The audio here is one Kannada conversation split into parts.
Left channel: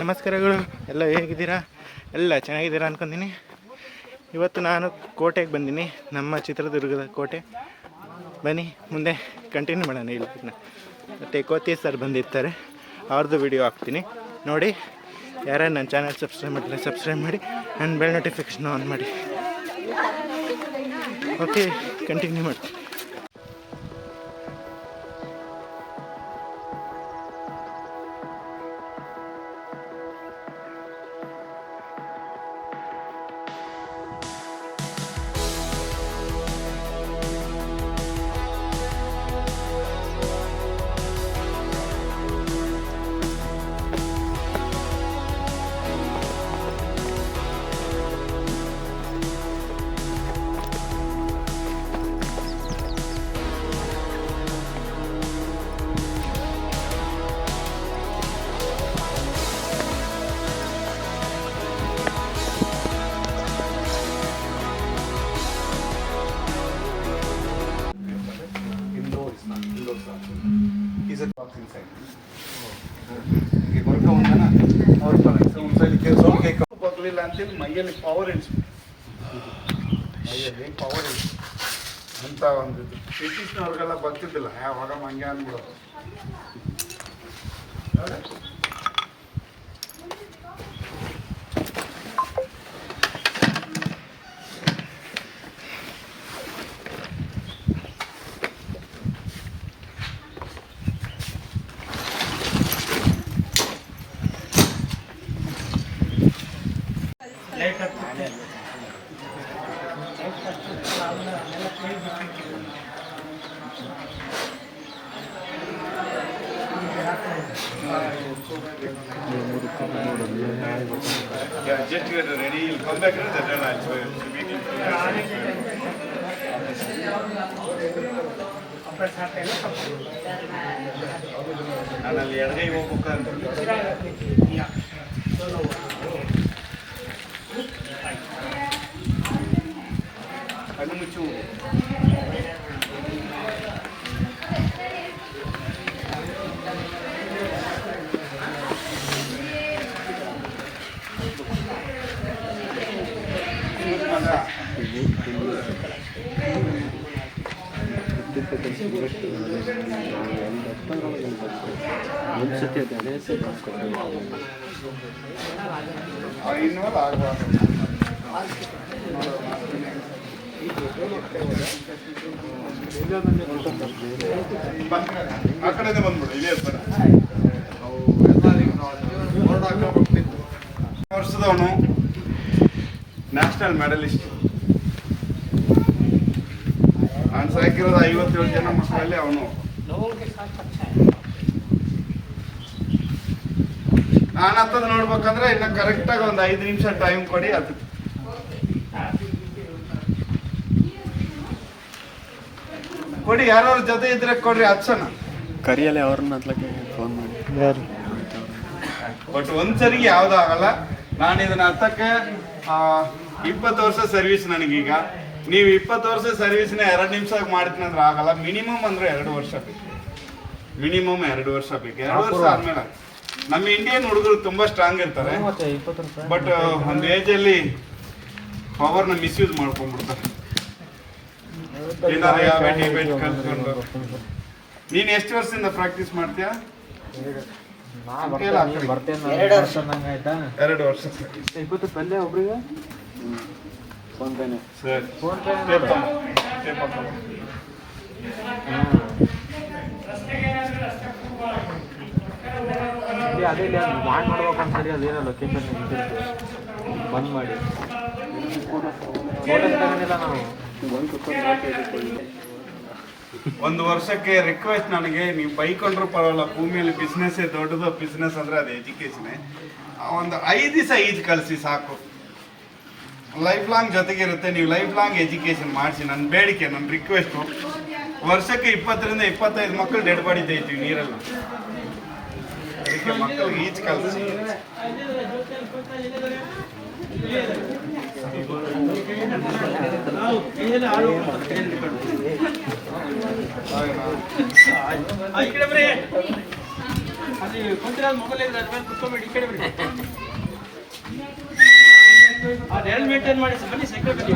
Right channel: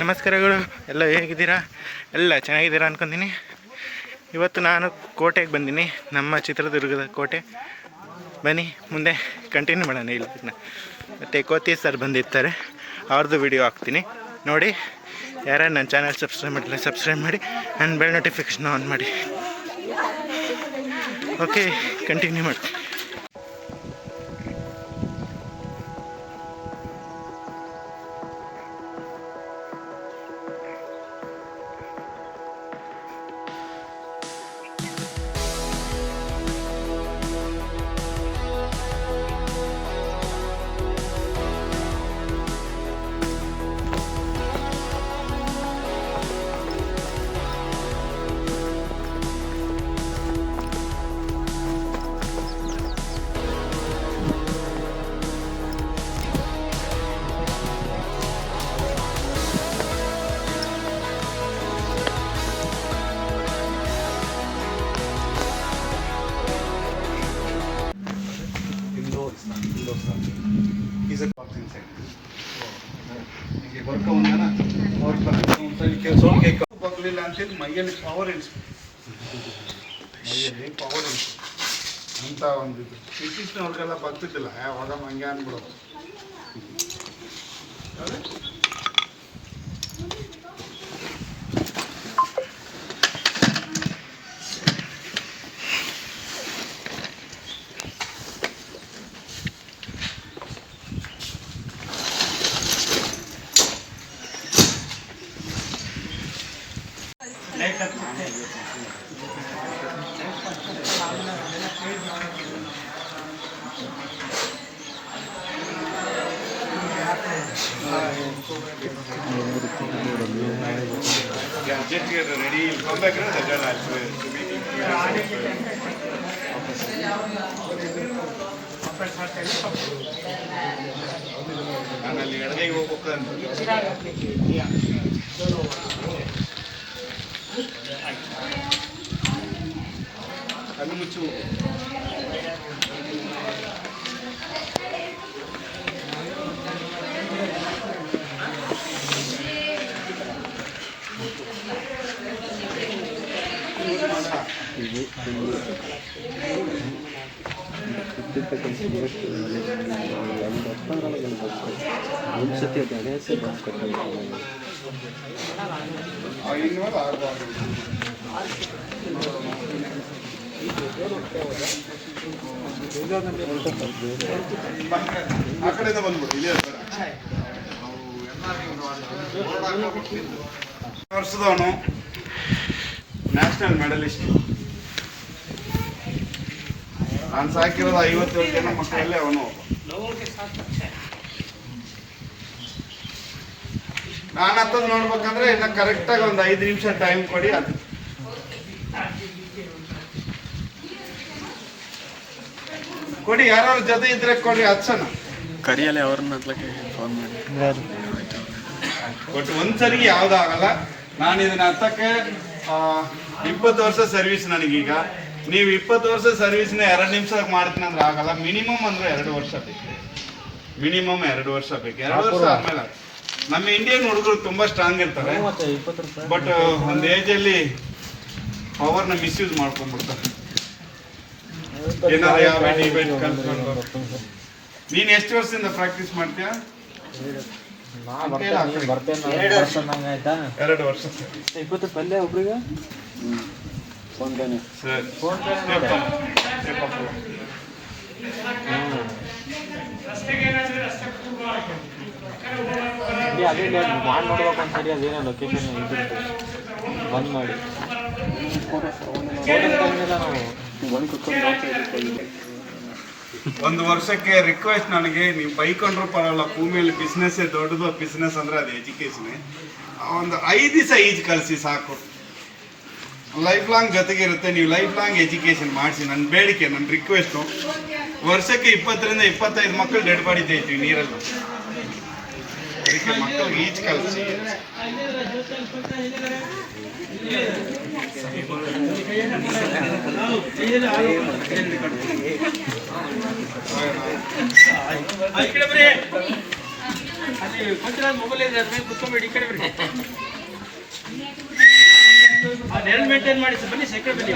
ನಮಸ್ಕಾರಗಳು, ಎಲ್ಲ ಹೇಗಿದ್ದೀರಾ? ಎಲ್ಲ ಚೆನ್ನಾಗಿದ್ದೀರಾ ಅನ್ಕೊಂತೀನಿ. ಇವತ್ತು ನಾನು ಕೋಟೆಗೆ ಬಂದೀನಿ, ನಮ್ಮ ಚಿತ್ರದುರ್ಗದ ಕೋಟೆ. ಬನ್ನಿ ಮುಂದೆ ಕಂಟಿನ್ಯೂ ಮಾಡೋಣ. ಇಲ್ಲ ಮತ್ತು ಕೋತಿ ಸರ್ ಬಂದಿರ್ತಾರೆ, ಅವ್ರದ್ದು ವಿಡಿಯೋ ಹಾಕ್ತೀನಿ ನೋಡಿ. ಯಾರು ನನ್ನ ಚಾನಲ್ ಸಬ್ಸ್ಕ್ರೈಬ್ ಮಾಡಿಲ್ಲ ಸಬ್ಸ್ಕ್ರೈಬ್ ಮಾಡಿ, ನನ್ನ ಬೆಲ್ ನೋಟಿಫಿಕೇಷನ್ ಆನ್ ಮಾಡಿ. ಓಕೆ, ಕಂಟಿನ್ಯೂ ಮಾಡ್ತೀನಿ. He's a box inside. Okay, work on na. Or inside ke song ke bagli lantil ಮೈಯಲ್ಲಿ ಪವರ್ ಇನ್ಸ್. ಮೈಯಲ್ಲಿ ಪವರ್ ಇನ್ಸ್. ಅಂತ ಒಂದು ಬ್ರಿಟಿಷ್ನವ್ರಿಗೆಲ್ಲ ಬರ್ತಿದ್ದಿಲ್ಲ, ಯಾವಾಗ ಹಂಗೆ ಅಂದ್ಬಿಡೋದು. Yeah, just get ready. You'll come back and that meeting. ನಾನು ಅಲ್ಲಿ ಎಡಗೈ ಹೋಗ್ಬೇಕು. ಕಣ್ಣು ಮುಚ್ಚು. ಒಂದ್ಸತಿ ಗಣೇಶ ಆ ಕಡೆಯಿಂದ ಬಂದ್ಬಿಟ್ಟು ಇದೆ ಸರ್. ವರ್ಷದವನು national medallist. ನಾನು ಸಾಕಿರೋದು 57 ಜನ ಮಕ್ಕಳಲ್ಲಿ ಅವನು. ನಾನು ಹತ್ತದ ನೋಡ್ಬೇಕಂದ್ರೆ ಇನ್ನು ಕರೆಕ್ಟಾಗಿ ಒಂದು 5 ನಿಮಿಷ ಟೈಮ್ ಕೊಡಿ. ಅದು ಕೊಡಿ, ಯಾರು ಜೊತೆ ಇದ್ರೆ ಕೊಡ್ರಿ, ಹಚ್ಚೋಣ. ಕರಿಯಲ್ಲ ಅವ್ರನ್ನ ಫೋನ್ ಮಾಡಿ. ಬಟ್ ಒಂದ್ಸರಿ ಯಾವ್ದಾಗಲ್ಲ. ನಾನು ಇದನ್ನ ಹತ್ತಕ್ಕೆ 20 ವರ್ಷ ಸರ್ವಿಸ್ ನನಗೀಗ. ನೀವು 20 ವರ್ಷ ಸರ್ವಿಸ್ನ 2 ನಿಮಿಷ ಮಾಡ್ತೀನಿ ಅಂದ್ರೆ ಆಗಲ್ಲ. ಮಿನಿಮಮ್ ಅಂದ್ರೆ 2 ವರ್ಷ ಬೇಕು. ಮಿನಿಮಮ್ 2 ವರ್ಷ ಬೇಕು. 2 ವರ್ಷ ಆದ್ಮೇಲೆ ನಮ್ಮ ಇಂಡಿಯನ್ ಹುಡುಗರು ತುಂಬಾ ಸ್ಟ್ರಾಂಗ್ ಇರ್ತಾರೆ, ಬಟ್ ಒಂದು ಏಜಲ್ಲಿ ಪವರ್ನ ಮಿಸ್ಯೂಸ್ ಮಾಡ್ಕೊಂಡ್ಬಿಡ್ತಾರೆ. ಏನಾರ ಯಾವ ಡಿಬೇಟ್ ಕಲ್ತ್ಕೊಂಡು. ನೀನು ಎಷ್ಟು ವರ್ಷದಿಂದ ಪ್ರಾಕ್ಟೀಸ್ ಮಾಡ್ತೀಯಾ? 2 ವರ್ಷ. 20 ರೂಪಾಯಿ ಒಬ್ರಿಗೆ ಫೋನ್ ಪೇನೆ ಸರ್. ಅದೇ ಬ್ಯಾನ್ ಮಾಡ್ಬೇಕು ಅಂದ್ಸರಿ ಅದೇನೋ ಲೊಕೇಶನ್ ಬಂದ್ ಮಾಡಿ ಒಂದು ವರ್ಷಕ್ಕೆ ರಿಕ್ವೆಸ್ಟ್ ನನಗೆ, ನೀವು ಬೈಕೊಂಡ್ರು ಪರವಾಗಿಲ್ಲ, ಭೂಮಿಯಲ್ಲಿ ಬಿಸ್ನೆಸ್ ದೊಡ್ಡದು. ಬಿಸ್ನೆಸ್ ಅಂದ್ರೆ ಅದು ಎಜುಕೇಶನ್. ಒಂದು 5 ದಿವಸ ಈಜು ಕಲಿಸಿ ಸಾಕು. ಲೈಫ್ ಲಾಂಗ್ ಜೊತೆಗಿರುತ್ತೆ. ನೀವು ಲೈಫ್ ಲಾಂಗ್ ಎಜುಕೇಶನ್ ಮಾಡಿಸಿ. ನನ್ನ ಬೇಡಿಕೆ, ನನ್ನ ರಿಕ್ವೆಸ್ಟು. ವರ್ಷಕ್ಕೆ 20 ರಿಂದ 25 ಮಕ್ಕಳು ಡೆಡ್ ಬಾಡಿ ತೆಗಿತೀವಿ ನೀರಲ್ಲ. ಅದಕ್ಕೆ ಮಕ್ಕಳಿಗೆ ಈಜು ಕಲಿಸಿ. ಮೇಂಟೈನ್ ಮಾಡಿ ಸರ್, ಬನ್ನಿ ಸೈಕಲ್ ಬನ್ನಿ.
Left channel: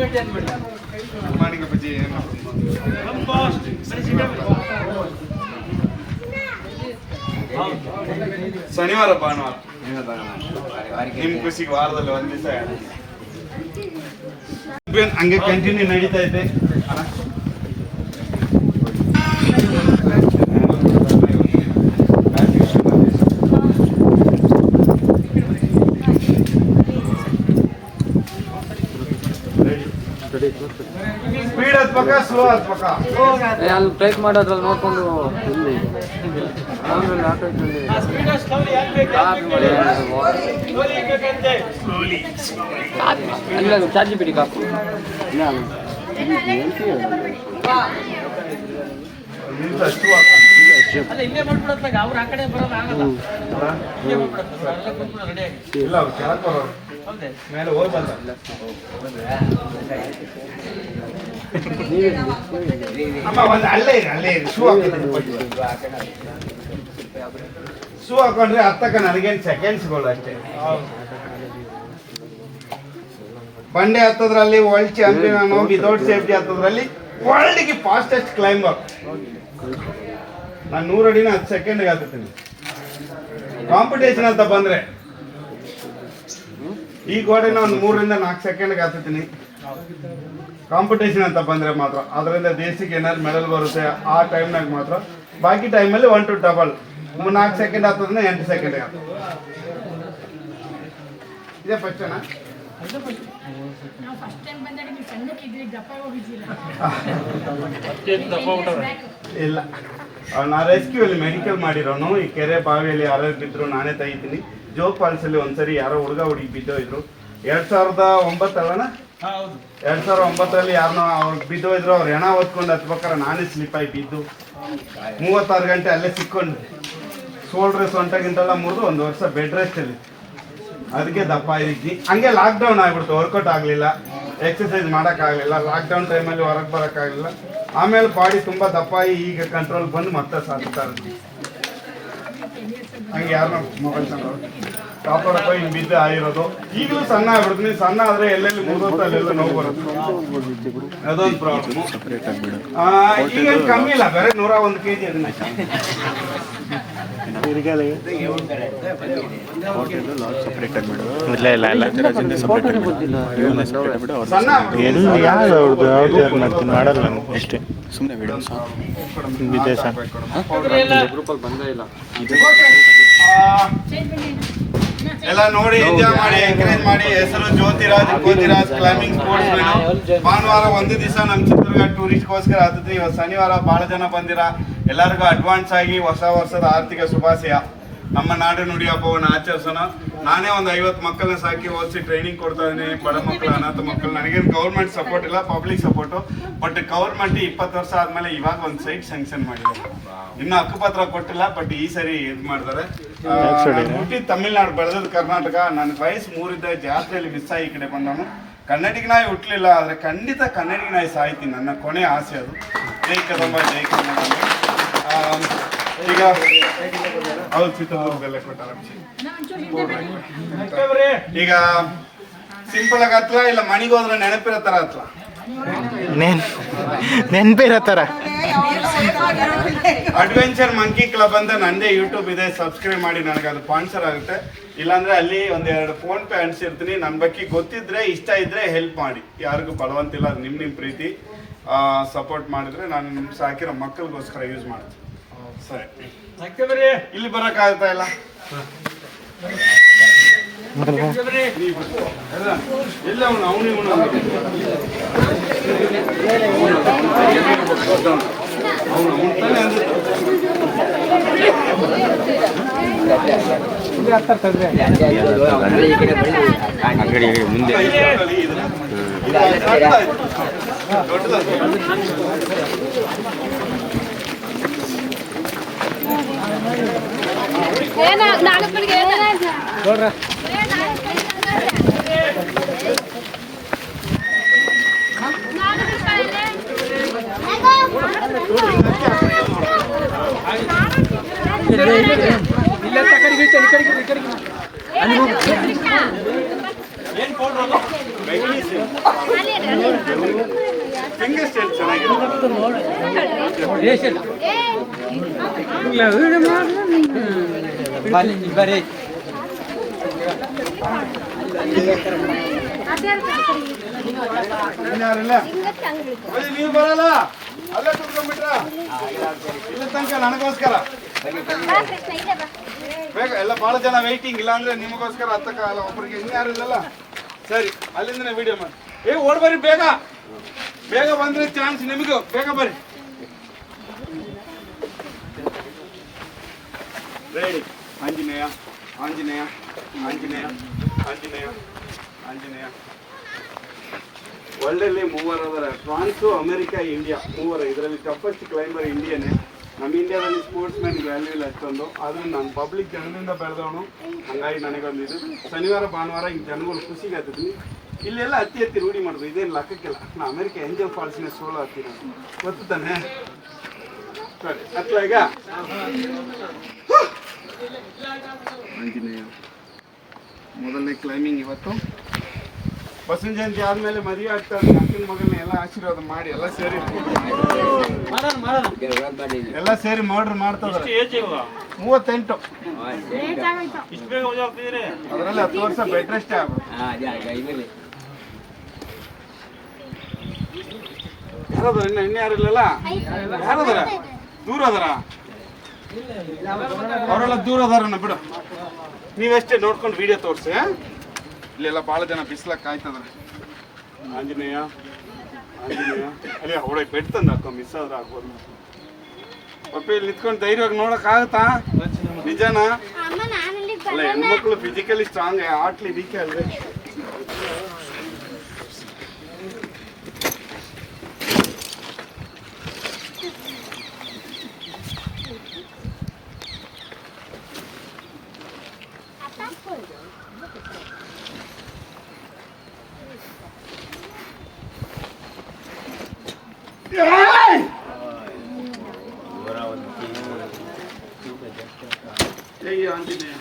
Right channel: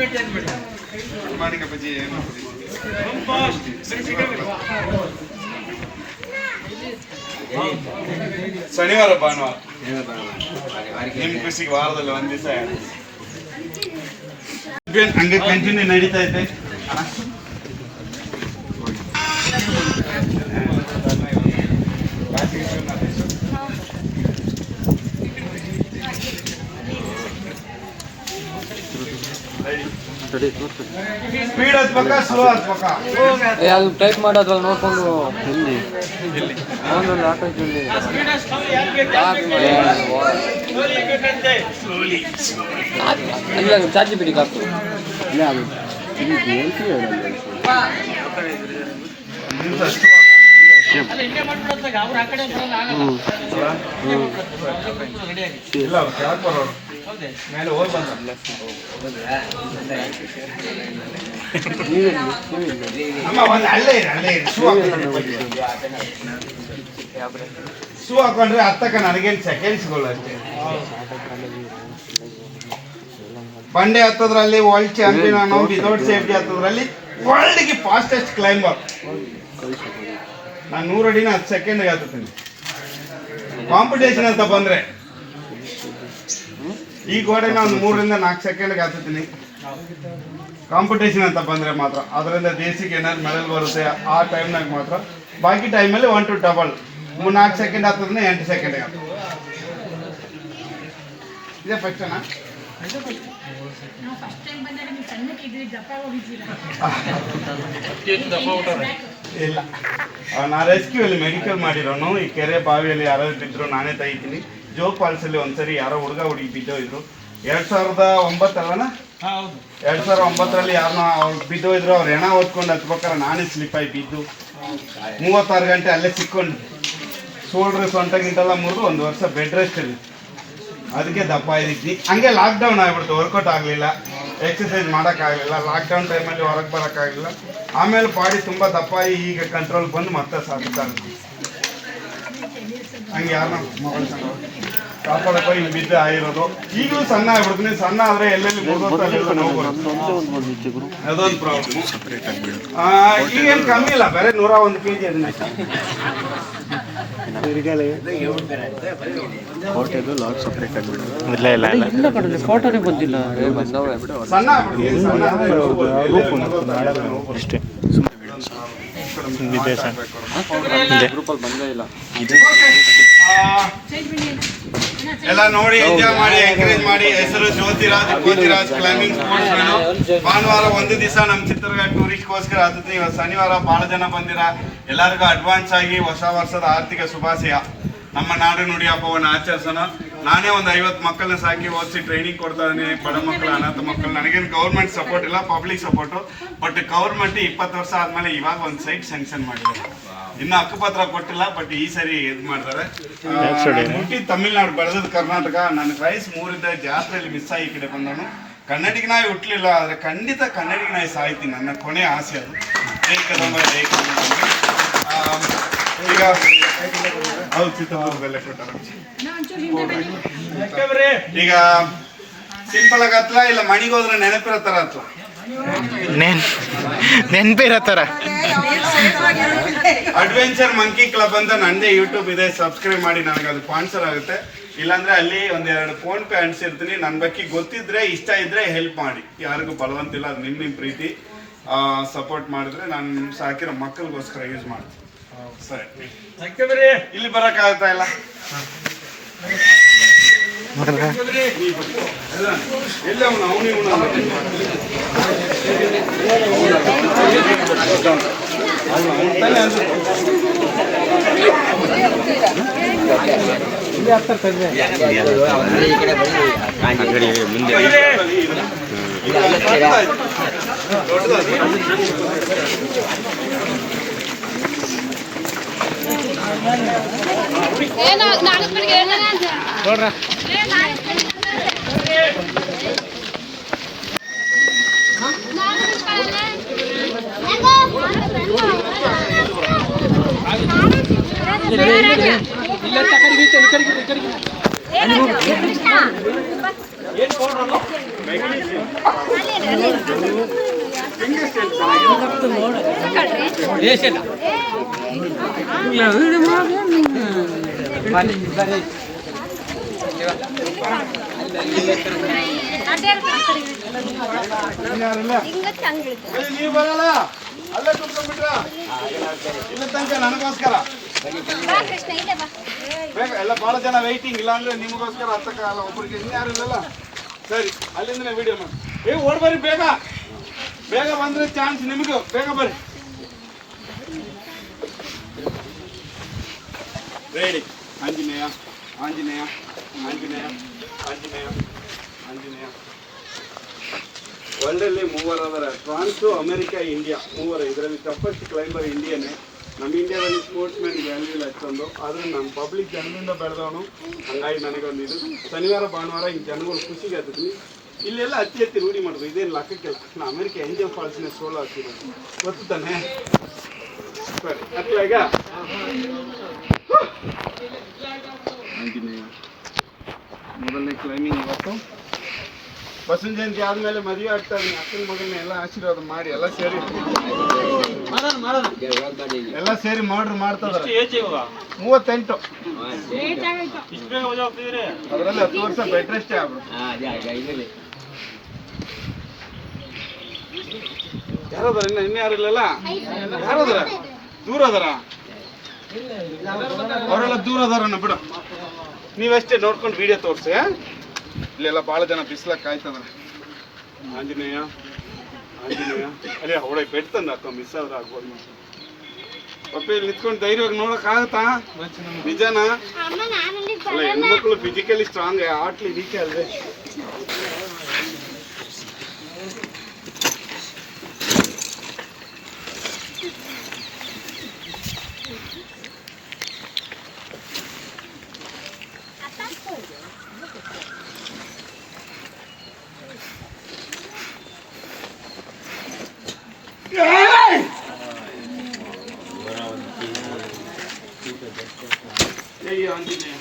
ಮೇಂಟೈನ್ ಮಾಡಿ ಮಾಡಿಕ ಬಜ್ಜಿ ಏನು ಶನಿವಾರ ಭಾನುವಾರ ನಿಮ್ ಖುಷಿಗೆ ವಾರದಲ್ಲಿ ಒಂದ್ ದಿವಸ ಹಂಗೆ ಕಂಟಿನ್ಯೂ ನಡೀತಾ ಐತೆ. ಸ್ಪೀಡ್ ಹತ್ಬೇಕಾ ಸ್ಲೋ ಹತ್ಬೇಕಾ? ಅಲ್ಲಿ ಟೈಪ್ ಮಾಡೋದ್ರಲ್ಲಿ ನೋಡ್ಕೊಂಡು ಇಲ್ಲಿ ಇಲ್ಲ ಚಾರ್ಜ್ ಬಿಡಿ ಕಾಕು ಇಲ್ಲ ಕೆಳಗೆ ಬರೋದು ಮೇಲೆ ಹೋಗಿ ಬಂದ ಅಮ್ಮ ಒಂದು ಅಲ್ಲೇ ಇರಿ ಶೂ ಹಾಕೊಂಡ್ರೆ ಹತ್ತಕ್ಕ ನನಗೇನು ಸೆಕೆಂಡ್ಸ್ಗಳು ಅಷ್ಟೇ. ಬಂಡೆ ಹತ್ತದ್ರಲ್ಲಿ ವರ್ಲ್ಡ್ ಚಾಂಪಿಯನ್ ಅನ್ನೋ ವಿದೌಟ್ ಸೇಫ್ಟಿ ಹತ್ತದ್ರಲ್ಲಿ ವರ್ಲ್ಡ್ಗೆ ಫಾಸ್ಟೆಸ್ಟ್ ಕ್ಲೈಂಬರ್. ನಾನು 100 ಅಡಿನ 10 ಸೆಕೆಂಡ್ಗೆ ಹತ್ತೀನಿ. ಕಾಂಪಿಟೇಷನ್ ಅಂತ ಬಂದ್ರೆ ಈ ಗೋಡೆನ ಒಂದು 3 ರಿಂದ 4 ಸೆಕೆಂಡ್ಗೆ ಹತ್ತೀನಿ. ಕಾಂಪಿಟೇಷನ್ ಅಂತ ಬಂದ್ರೆ ಮಾತ್ರ ಅದರಿಂದ ದೇಶಕ್ಕೆ ಏನಾದ್ರು ಮೆಡಲ್ ಬರುತ್ತೆ ಆ ಟೈಮ್ನಾಗ ಮಾತ್ರ. ಬಾಕಿ ಟೈಮಲ್ಲಿ 1 to ಡಬಲ್ 4 ಸೆಕೆಂಡ್ ಹತ್ತದ್ರಿಂದ 8 ಸೆಕೆಂಡ್ಗೆ ಇದೇ ಫಸ್ಟೇನಾ? ಇಲ್ಲ, ನಾ ರೆಸ್ಕ್ಯೂ ಅಲ್ಲಿ ಮೆಡಿಕಲ್ ಮಾಡಿರೋನು. ಈ ಕೆರೆ ಬಾವಿಯಲ್ಲಿ ಯಾರೋ ಬಿದ್ರು ನಾನೇ ತೆಗಿತೀನಿ. ಜೋಗ್ ಫಾಲ್ಸ್ ಅಲ್ಲಿ ಒಂದ್ಸರಿ ಯಾರೋ ಹುಡುಗಿ ಬಿದ್ದೋಯ್ರು 2009 ಅಲ್ಲನ? 2009ರಲ್ಲಿ ಯಾರನ್ನೋ ಅವ್ರು ಬಿದ್ದೋಯ್ರು. ಅವ್ರು ಹೆಣ ಹೊತ್ಕೊಂಡು ಹತ್ಬೇಕಾರೆ ನಾನೇ ಸ್ಲಿಪ್ ಆಗಿ ಬಿದ್ದು 36 ಗಂಟೆ ಅಲ್ಲೇ ಸಿಕ್ಕೊಂಡು ಶೋಲ್ಡ್ರ್ ಸೊಂಟಗಿಂತೆಲ್ಲ ಮುರಿದು 1 ವರ್ಷ ಬೆಡ್ ರೆಸ್ಟ್ ಅಲ್ಲಿ. ಅದಕ್ಕೆ ದಪ್ಪ ಇದ್ದೀನಿ. ಹಂಗೆ ಲಾಕ್ಡೌನ್ ಆಗ್ಬಿಡ್ತು, ವರ್ಕೌಟ್ ಆಗಲಿಲ್ಲ, ಎಕ್ಸಸೈಸ್ ಮಾಡೋಕ್ಕಾಗಲಿಲ್ಲ. ಲಾಕ್ಡೌನ್ ಟೈಮಲ್ಲಿ ಹೊರಗೆ ಬರೋಕ್ಕಾಗಲಿಲ್ಲ. ಆಮೇಲೆ ಬಾಡಿ ತುಂಬ ದಪ್ಪ ಈಗ ಕಂಟ್ರೋಲ್ ಬಂದು ಮತ್ತೆ ಸಾಕ್ತಾರೆ. ಹಂಗೆ ಯಾರನ್ನ ಮೊಬೈಲ್ ಕಾಪಾಡಕ್ಕೆ ಹಿಂಗೆ ಬಿದ್ದು ಆಗಿರೋದು. ಈಗಲೂ ಸಣ್ಣ ಆಗ್ಬಿಡ್ತೀನಿ. ಸಣ್ಣ ಆದರೆ ಎಲ್ಲೆಲ್ಲಿ ಮುಗಿದೋಗ್ತಾ ಅಲ್ಲೆಲ್ಲ ನೋವು ಬರುತ್ತೆ, ಅದೊಂದು ಪ್ರಾಬ್ಲಮ್. ಈಗೇನು ಕಮ್ಮಿ ಇಲ್ಲ, ಬೇರೆ 101 kg ಫೋಟೋನೇ ಬಂದಿಲ್ಲ. ಸಣ್ಣ ಅಷ್ಟೇ ಎಲ್ಲ ನೋಡಿ ಎಂಜಾಯ್ ಮಾಡಿ ಎಂಕರೇಜ್ ಮಾಡಿ. ಹೆಸರು ಜ್ಯೋತಿರಾಜ್ ಕ್ಲೈಂಬಿಂಗ್ ಸ್ಪೋರ್ಟ್ಸ್ ಮ್ಯಾನು. ಭಾನುವಾರ ಒಂದು ದಿವಸ ನಮ್ಮ ಚಿತ್ರದುರ್ಗ ಟೂರಿಸ್ಟ್ಗೋಸ್ಕರ ಹತ್ತುತ್ತೆ. ಇವತ್ತು ಶನಿವಾರ ಭಾಳ ಜನ ಬಂದಿರ. ಎಲ್ಲರಿಗೂ ಅಡ್ವಾನ್ಸ್ ಆಗಿ ಹೊಸ ವರ್ಷದ ಆರ್ಥಿಕ ಶುಭಾಶಯ. ನಮ್ಮ ನಾಡು ನುಡಿ ಹಬ್ಬವನ್ನು ಆಚರಿಸೋಣ. ನಾನೇ ಒಂದು 50 ಮಕ್ಕಳನ್ನ ಸಾಕಿ ಓದಿಸಿ ಟ್ರೈನಿಂಗ್ ಕೊಡ್ತಾ ಇದ್ದೀನಿ. ಬಡ ಮಕ್ಕಳು, ಅನಾಥ ಮಕ್ಕಳು. ನನಗೇನು ಗೌರ್ಮೆಂಟ್ ಸಪೋರ್ಟ್ ಇಲ್ಲ, ಪಬ್ಲಿಕ್ ಸಪೋರ್ಟು. ಬಟ್ ಗೌರ್ಮೆಂಟ್ 20 ವರ್ಷ ಆದಮೇಲೆ ಇವಾಗ ಒಂದು ಸೈಟ್ ಸ್ಯಾಂಕ್ಷನ್ ಮಾಡಿದ್ದಾರೆ. ಇನ್ನು ಹಕ್ಕುಪತ್ರ ಕೊಟ್ಟಿಲ್ಲ, ಬಟ್ ಈ ಸರಿ ಇದು ಮಾಡ್ತಾರೆ. ಹುಟ್ಟಿ ತಮಿಳ್ನಾಡು, ಬೆಳೆದದ್ದು ಕರ್ನಾಟಕ. ನನ್ನ ವಯಸ್ಸು 3ರಿಂದ ಜಾತ್ರೆಯಲ್ಲಿ ಮಿಸ್ ಆಗಿ ಈ ಕಡೆ ಬಂದವನು. ಕನ್ನಡಿಗ ನಾಯಿ ಹುಟ್ಟಲಿಲ್ಲ, ಆದರೆ ಖಂಡಿತ ಕನ್ನಡಿಗ ನಾಯಿ ಸಾಯ್ತೀನಿ. ನನ್ನ ಕೊನೆ ಆಸೆ ಅದು. ಜೈ ಕದಂಬ, ಜೈ ಕನ್ನಡ. ಈಗ ಹೌದು, ಚಿತ್ರದುರ್ಗದಲ್ಲೇ ಕೊಟ್ಟಾರ. ಈಗ ಸಿಂಪಲ್ ಆಗಿ ಹತ್ರ ಇಲ್ಲ, ಮಣಿಗೆ ಹೋದ್ರೆ ನೆನಪಿರೋ ಥರ ಹತ್ರ, ನೆನಪಿರೋ ಥರ. ಅಡ್ವೆಂಚರ್ ಮಂಕಿ ಕ್ಲಬ್ ಅಂತ ನಂದೇ ಯೂಟ್ಯೂಬ್ ಇದೆ, ಸಬ್ಸ್ಕ್ರೈಬ್ ಮಾಡಿ. ನನಗೆ ಅದು ಸ್ಪಾನ್ಸರ್ ಆಗುತ್ತೆ. ಇಲ್ಲಾಂದ್ರೆ ಅಲ್ಲಿ 1-2 ಫೋನ್ ಪೇ ಅಂಟಿಸಿರ್ತೀನಿ. ನನ್ನ ಬಗ್ಗೆ ಗೊತ್ತಿದ್ರೆ, ಇಷ್ಟ ಇದ್ರೆ ಹೆಲ್ಪ್ ಮಾಡಿ. ಯಾರಿಗೂ ಬಲವಂತಿಲ್ಲ, ಅದು ನಿಮ್ಮ ಪ್ರೀತಿ. ಸಪೋರ್ಟ್ ಮಾಡಿದ್ರೆ ನಾನು ಸಾಕಿರೋ ಮಕ್ಕಳಿಗೋಸ್ಕರ ಯೂಸ್ ಮಾಡ್ತೀನಿ. ಸರಿ, ಇಲ್ಲಿ ಬರೋಕ್ಕಾಗುತ್ತಾ ಇಲ್ಲ? ಎಲ್ಲ ಅವನೇ ಮುಂದೆ ನೋಡ್ರ ಹೆಂಗಷ್ಟು ನೀವು ಬರಲ್ಲ ಅಲ್ಲೇ ಕುತ್ಕೊಂಡ್ಬಿಟ್ರ ಇಲ್ಲ ತನಕ ನನಗೋಸ್ಕರ ಬೇಗ ಎಲ್ಲ ಬಹಳ ಜನ ವೆಯ್ಟಿಂಗ್ ಇಲ್ಲ ಅಂದ್ರೆ ನಿಮಗೋಸ್ಕರ ಹತ್ತಕ್ಕಾಗಲ್ಲ ಒಬ್ಬರಿಗೆ ಇನ್ಯಾರು ಇಲ್ಲಲ್ಲ ಸರಿ ಅಲ್ಲಿಂದನೇ ವಿಡಿಯೋ ಮಾಡಿ ಓಡ್ ಬರ್ರಿ ಬೇಗ ಬೇಗ ಬಂದ್ರೆ ಚಾನ್ಸ್ ನಿಮಗೂ ಬೇಗ ಬರ್ರಿ ರೆಡಿ ಆಂಜನೇಯ ಆಂಜನೇಯ ಆಂಜನೇಯ ಆಂಜನೇಯ ಆಂಜನೇಯ ವರ್ಲ್ಡಲ್ಲಿ ಮೂವರು ಅದರ ಫ್ರಾನ್ಸು ಅಮೆರಿಕ ಇಂಡಿಯಾ ಮೂವರು ಇದರಲ್ಲಿ ಟಫೆಸ್ಟ್ ಕ್ಲೈಂಬರ್ ಇಂಡಿಯನ್ನೇ ನಮ್ಮ ಇಂಡಿಯಾದಲ್ಲಿ ಸ್ಪೋರ್ಟ್ಸ್ ಮ್ಯಾನ್ ವ್ಯಾಲ್ಯೂ ಇಲ್ಲ ಅಷ್ಟೊಂದು ಆದರೂ ನಾನು ಪಬ್ಲಿಕ್ ಜನರಿಂದ ಬೆಳೆದವನು ಹಂಗಾಗಿ ನನಗೊಂದು ಇದು ಶನಿವಾರ ಭಾನುವಾರ ಈಗ ಜನಗಳು ಖುಷಿಗೆ ಹತ್ತಿದ್ವಿ ಇಲ್ಲೆಲ್ಲ ಅತಿ ರೂಢಿ ಮಾಡೋದು ಇದೇನು ಲೆಕ್ಕಕ್ಕಿಲ್ಲ ನಾನು ಅಮೆರಿಕ ಎಂಜಲ್ ಫಾಲ್ಸ್ನ ಸೋಲೋ ಹಾಕಿರೋದು ಗೊತ್ತು ತಾನೆ ಸರಿ ಅತ್ಯಾಗ ಆಂಜನೇಯ ಮೊದಲನೇ ಕ್ಲೈಂಬಿಂಗ್ ಇವತ್ತು ಬಸವನ ಜಯಂತಿ ಆದ್ಮೇಲೆ ಮದುವೆ ಆಗ್ತಾರೆ ಅಕ್ಕನ ಮಗನ ಎಲ್ಲ ಆಶೀರ್ವಾದ ಮಾಡಿ ಎಲ್ಲ ಸೇರಿ ಮಾಡ್ರು ಮಾಡ್ತದ 38 ಅದರಲ್ಲಿ 10 ವರ್ಷ ಬೆಡ್ ರೆಸ್ಟ್ ಆಗ್ಬಿಡು ಯಾರದಾರ ಇನ್ಯಾರಿಲ್ಲಲ್ಲ ಯಾರದಾರ ದೂರ ಅದಾರ ಅವರೆಲ್ಲ ದೂರ ಅದಾರನ್ನ ಬಿಡು ನೀವೆಷ್ಟೇ ನೋಡ್ಕೊಂಡು ವಿಡಿಯೋ ತೋರಿಸಿ ಇಲ್ಲೆಲ್ಲ ಭಾಳ ಜನ ಬಿಸಿಲಾಗ ಕಾಯ್ತದ ಆಂಜನೇಯ ಆಂಜನೇಯ ಅಲ್ಲೇ ಅವಳೆ ಬೆಡ್ ತಂದು ಹಾಕೋ ಮಿಸ್ ಆದ್ರೆ ಆಗ್ಬೋದು ಪಪ್ಪ ಇಲ್ಲಿ ನಿಂತ್ಕೊಂಡು ಧೈರ್ಯವಾಗಿ ನೋಡಕ್ ಆಗುತ್ತಾ ನಿಜನಾ ಅಲ್ಲ ಹೆಣ್ಮಕ್ಳು ಫಿಸಿಕಲಿ ಸ್ಟ್ರಾಂಗ್ ಆಟ್ಲಿ ವೀಕೆ ಅಲ್ವೇ ಜೈ ಆಂಜನೇಯ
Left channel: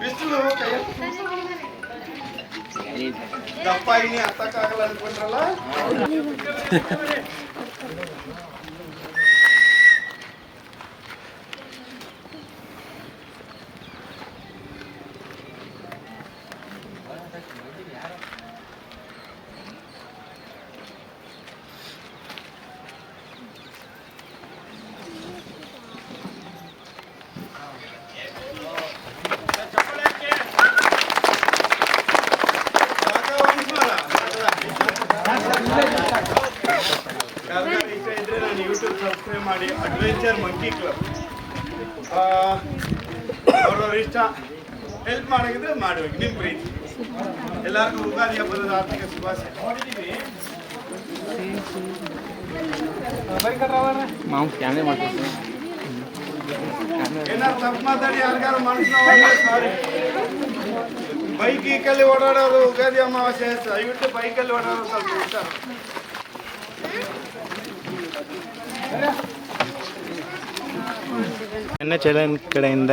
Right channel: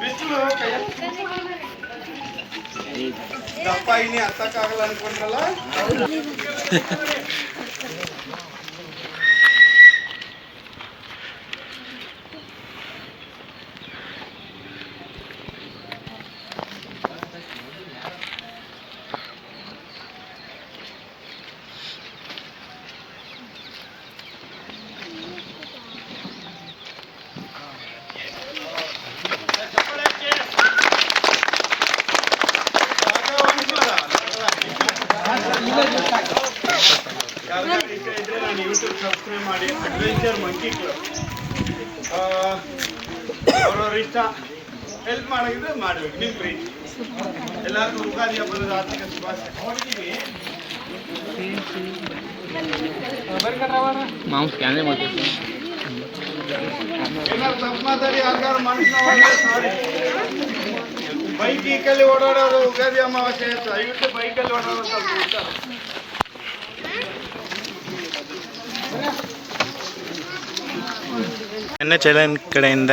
ಬಿಸಿಲು ದಪ್ಪ ಇನಿ ಹತ್ತಕ್ಕಾಗಲ್ಲ ಅನ್ಕೊಂಡ್ರಲ್ಲ ನಾನು ಯೂಟ್ಯೂಬ್ ಸಬ್ಸ್ಕ್ರೈಬ್ ಮಾಡಿ ಅಡ್ವೆಂಚರ್ ಮಂಕಿ ಕ್ಲಬ್ ಅವ್ರವ್ರ ಇಷ್ಟ ಹೆಲ್ಪ್ ಮಾಡೋದಿದ್ರೆ ಮಾಡ್ಬೇಕು ನಿಮ್ಮ ಪ್ರೀತಿ ಎಲ್ಲರಿಗೂ ಯುಗಾದಿ ಹಬ್ಬದ ಆರ್ಥಿಕ ಶುಭಾಶಯ ಏನಾದ್ರು ತಪ್ಪು ಮಾತಾಡಿ ಯಾರ್ಯಾರು ಮನುಷ್ಯನ ಬೈಕಲ್ಲಿ ಓಡಾಡೋರು ಯುಗಾದಿ ಅಮಾವಾಸ್ಯೆ ದಯವಿಟ್ಟು ಬೈಕಲ್ಲಿ ಓಡಾಡೋರು ಸ್ವಲ್ಪ ಇರ್ತಾರೆ ನನ್ನ ಚಾನಲ್ ಕಡೆಯಿಂದ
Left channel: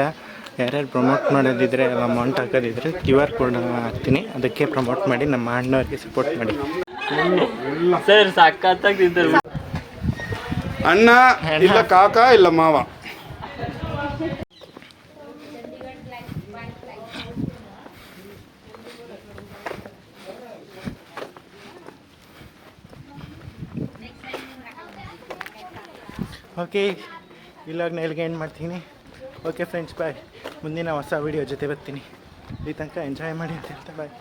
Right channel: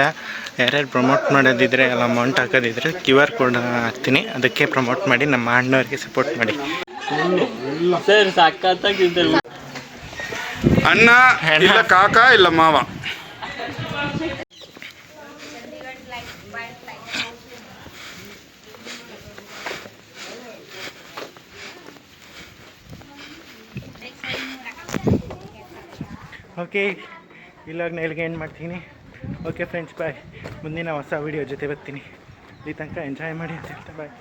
ಯಾರ್ಯಾರು ಪ್ರಮೋಟ್ ಮಾಡೋದಿದ್ರೆ ಎಲ್ಲ ಅಮೌಂಟ್ ಹಾಕೋದಿದ್ರೆ QR ಕೋಡ್ ಹಾಕ್ತೀನಿ ಅದಕ್ಕೆ ಪ್ರಮೋಟ್ ಮಾಡಿ ನಮ್ಮ ಅಣ್ಣವ್ರಿಗೆ ಸಪೋರ್ಟ್ ಮಾಡಿ ಸರ್ ಸಕ್ಕತ್ತಾಗಿದ್ದಲ್ಲ ಅಣ್ಣ ಇಲ್ಲ ಕಾಕ ಇಲ್ಲ ಮಾವ ಓಕೆ ಇಲ್ಲಾಗ ನೆಲ್ಗೆ ಎಂಡ್ ಮಾಡ್ತೀನಿ ಓಕೆ ಫ್ರೆಂಡ್ಸ್ ಬಾಯ್ ಮುಂದಿನ ಹೊಸ ವೀಡಿಯೋ ಜೊತೆ ಬರ್ತೀನಿ ಇಲ್ಲಿ ತನಕ ಎಂಜಾಯ್ ಮಾಡಿ ಅಂತ ಹೇಳ್ತಾ ಬಾಯ್